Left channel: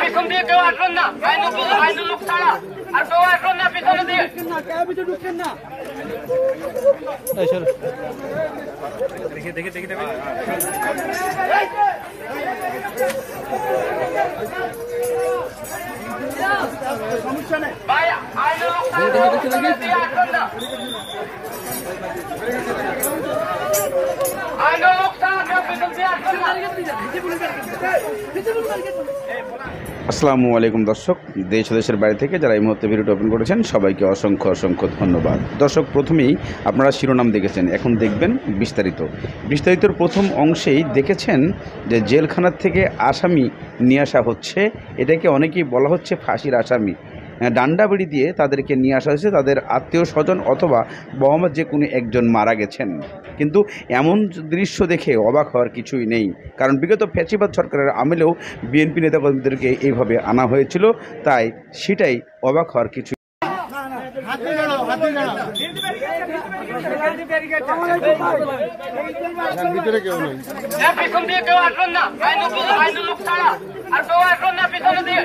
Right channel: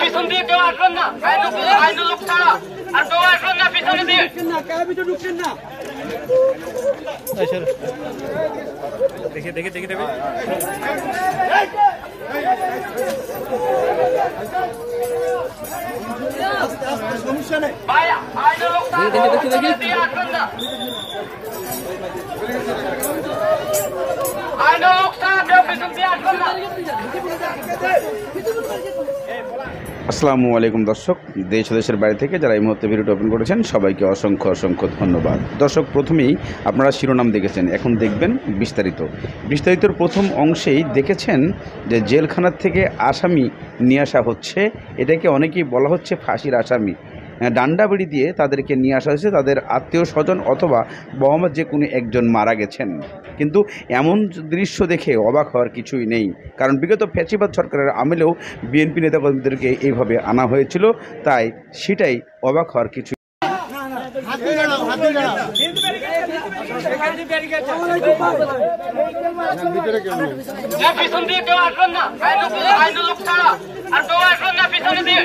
পিছন দিয়ে কেউ আসবেন না, আইনের লোক ছাড়া আর কেউ আসবেন না পিছনে দিয়ে। দেখে দেখে দেখে দেবে। সমস্যা নেই ভাই, আইনের লোক ছাড়া আসবেন না। আইনের লোক ছাড়া কেউ পিছন দিয়ে আসবেন না। আসসালামু আলাইকুম দর্শক, দেশ ও দেশের বাইরে থেকে যারা এই মুহূর্তে ভিডিওটি ওপেন করেছেন সবাইকে অসংখ্য অসংখ্য ধন্যবাদ। দর্শক, প্রথমেই আপনারা শিরোনাম দেখেছেন, এখন দেখবেন বিস্তারিতর প্রথম অংশেই দেখেছেন যে জেলখানার থেকে আসামি নিয়ে আসা হচ্ছে। এটাকে অনেকেই বলা হচ্ছে ফাঁসির আসামি। ডান্ডা বেড়ি দিয়ে তাদেরকে নিয়ে আসা হয়েছে, তাদের আত্মীয় স্বজন অথবা বাবা যে কোনো একজন মারা গেছেন। কিন্তু এমন দৃশ্য দেখে অবাক হওয়ার কিছুই নেই, কারণ বিগত ফ্যাসিবাদ সরকারের আমলেও বিএনপি নেতাকর্মীদেরকে এইভাবে আনা হয়েছিল, তাই সেটাই অবাক হওয়ার কিছু। পিছন দিয়ে কেউ আসবেন না, আইনের লোক ছাড়া আর কেউ আসবেন না পিছনে দিয়ে।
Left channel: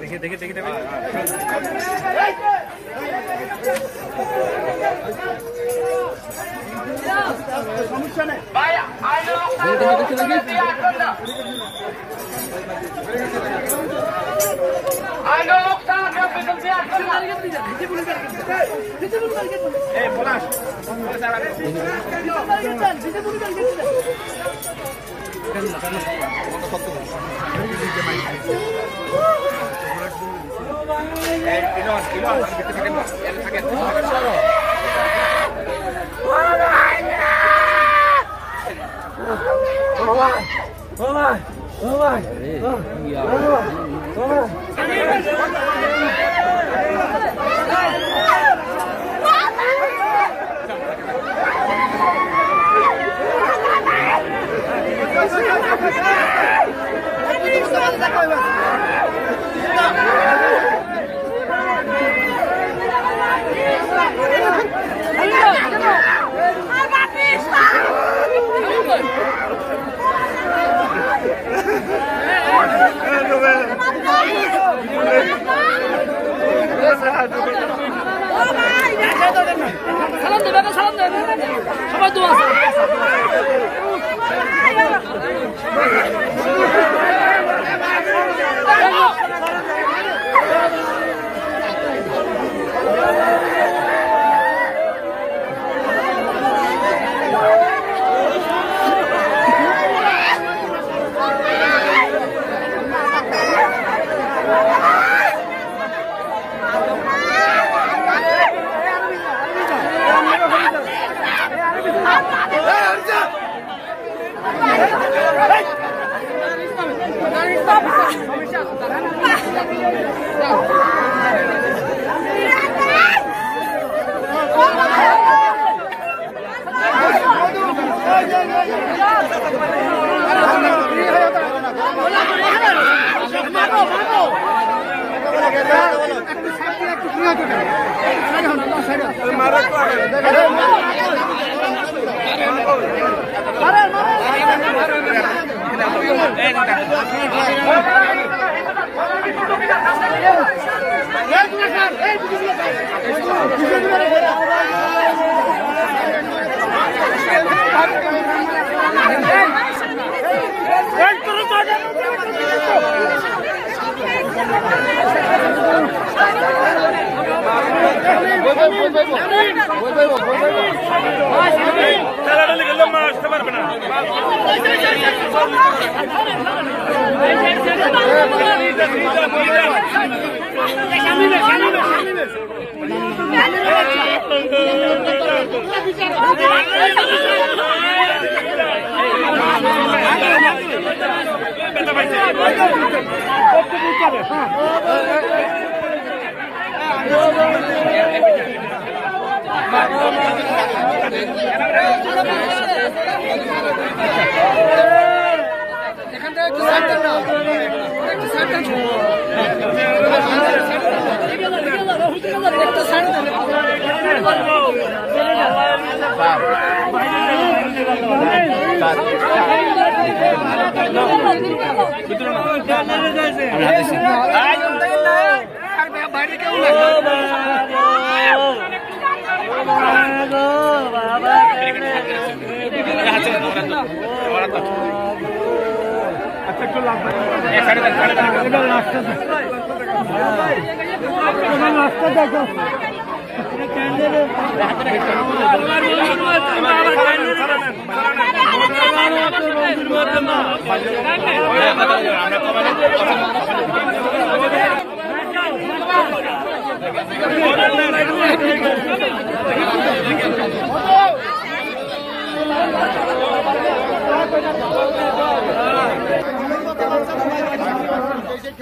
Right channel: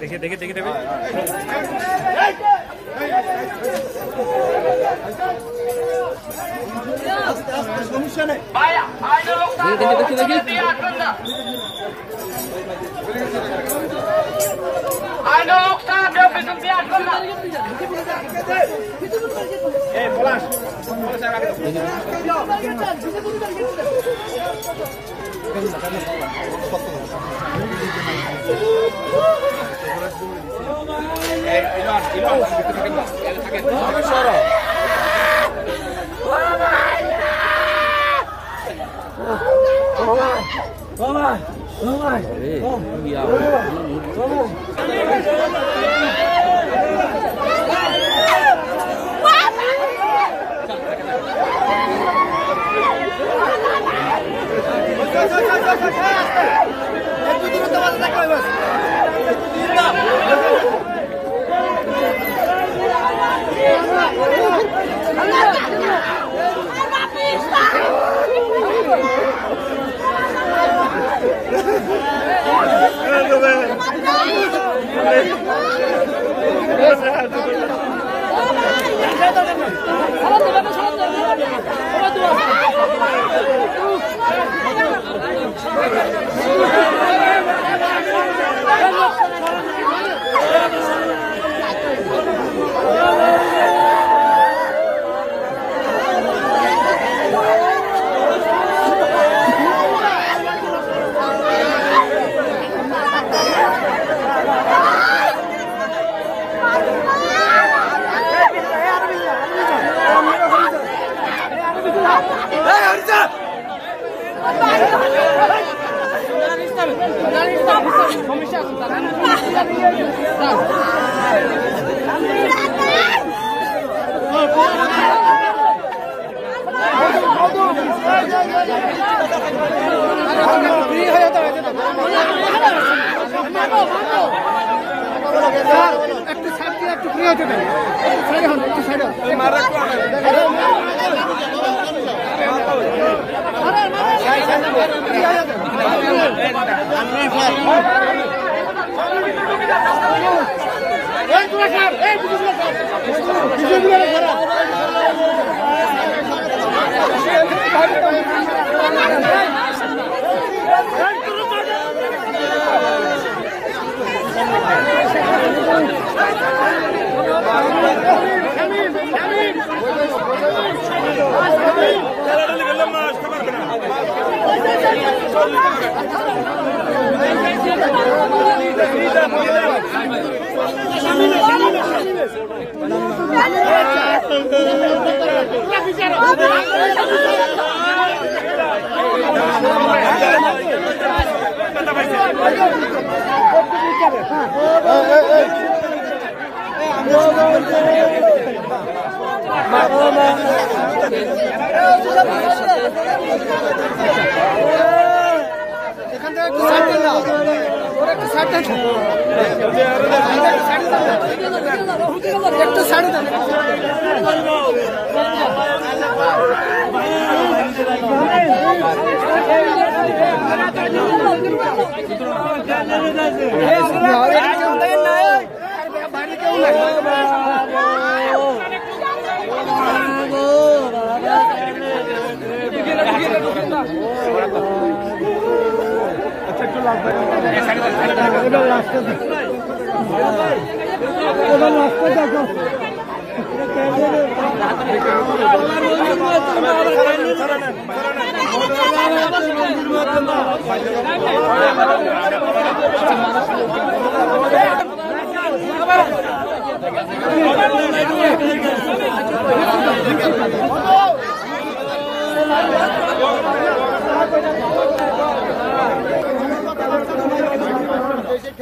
দেখে দেখে দেখে দেবে। সমস্যা নেই ভাই, আইনের লোক ছাড়া আসবেন না। আইনের লোক ছাড়া কেউ পিছন দিয়ে আসবেন না।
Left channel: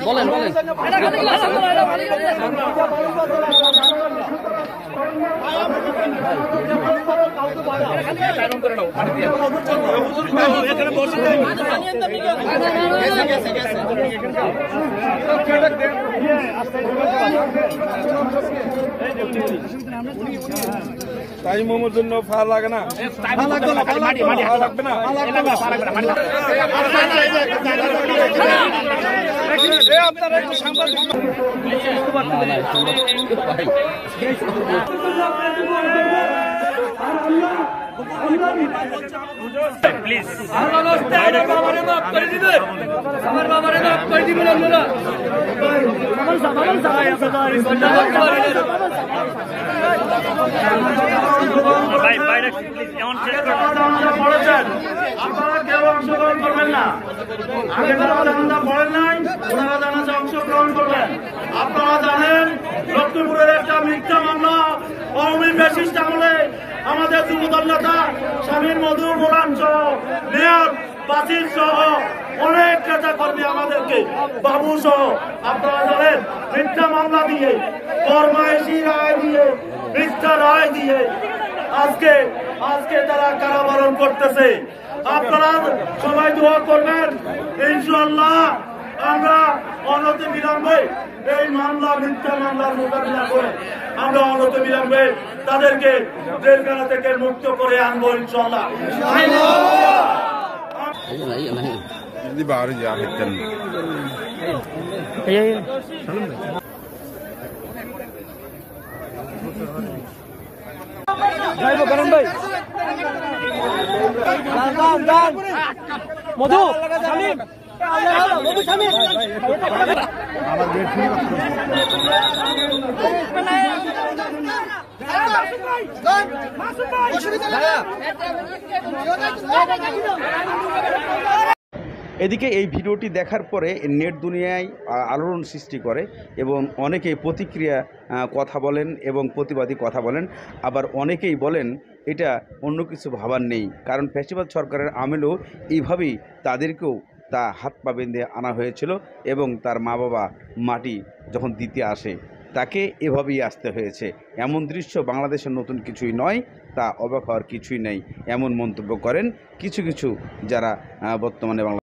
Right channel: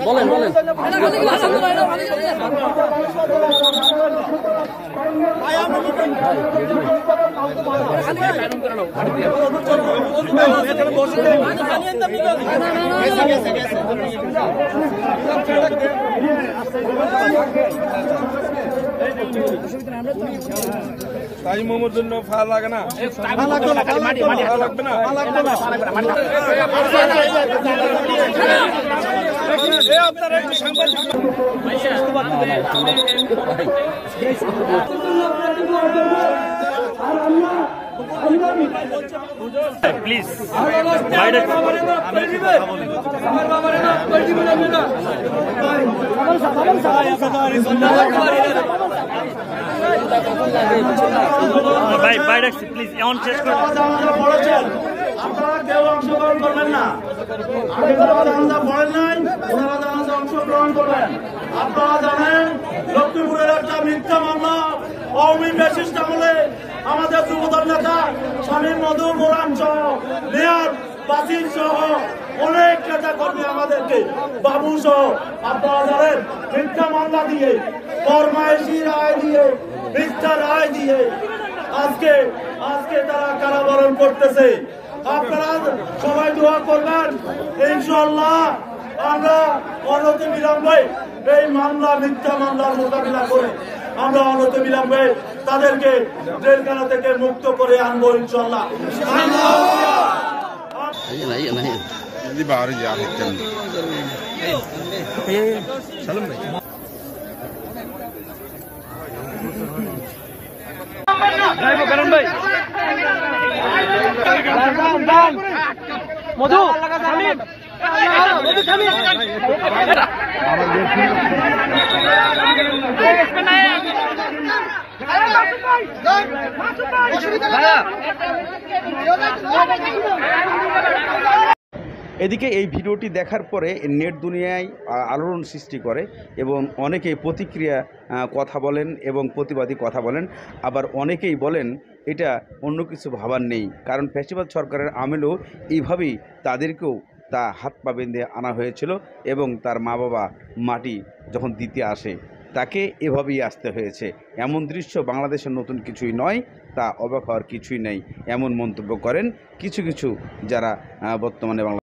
বলেন বলেন তাই মোমোর জন্য ফা লাগে না, লাগবে না। প্লিজ আমার বাবারে মাফ করে দিবেন আপনারা। আপনারা কেউ অংশগ্রহণ করবেন না, আগে যারা জানাজা পড়েন নাই ওনারা জানাজা অংশগ্রহণ করবেন। আপনারা জানেন লক্ষ্মীপুরের একটা মিথ্যা মামলা আওয়ামী ফ্যাসিস্ট আমলে আমাদের যুবদল নেতা স্বামীর মধুর গোলাম সহ নিয়াদ বাসির সহ অনেক নেতা কর্মী আমাদেরকে বাবু সহ আপনারা জানেন মিথ্যা মামলা দিয়ে ফরমায়েশি রায় দিয়ে মিথ্যা রায় দিয়ে আজকে তারা কারাবরণ করতেছে। আপনারা সবাই দোয়া করবেন, ইনশাআল্লাহ আমরা অনতি বিলম্বে এই মামলা মিথ্যা মামলার মোকাবিলা করে আমরা অনতি বিলম্বে তাদেরকে জেলখানা থেকে মুক্ত করে আনবো ইনশাআল্লাহ। মধু এদিকে এই ভিডিওটি দেখার পরে নেট দুনিয়ায় আলোড়ন সৃষ্টি করে এবং অনেকেই প্রতিক্রিয়া কথা বলেন এবং প্রতিবাদী কথা বলেন। আবার অনেকেই বলেন এটা অন্য কিছু ভাবার নেই, কারণ ফ্যাসিবাদ সরকারের আমলেও এইভাবেই তাদেরকেও তা হাত পা বেঁধে আনা হয়েছিল এবং তার মা বাবা মাটি যখন দিতে আসে তাকে এভাবেই আসতে হয়েছে। এমন দৃশ্য বাংলাদেশের নতুন কিছুই নয়, তা অবাক হওয়ার কিছুই নেই এমন মন্তব্য করেন কিছু কিছু যারা বর্তমানে বাংলা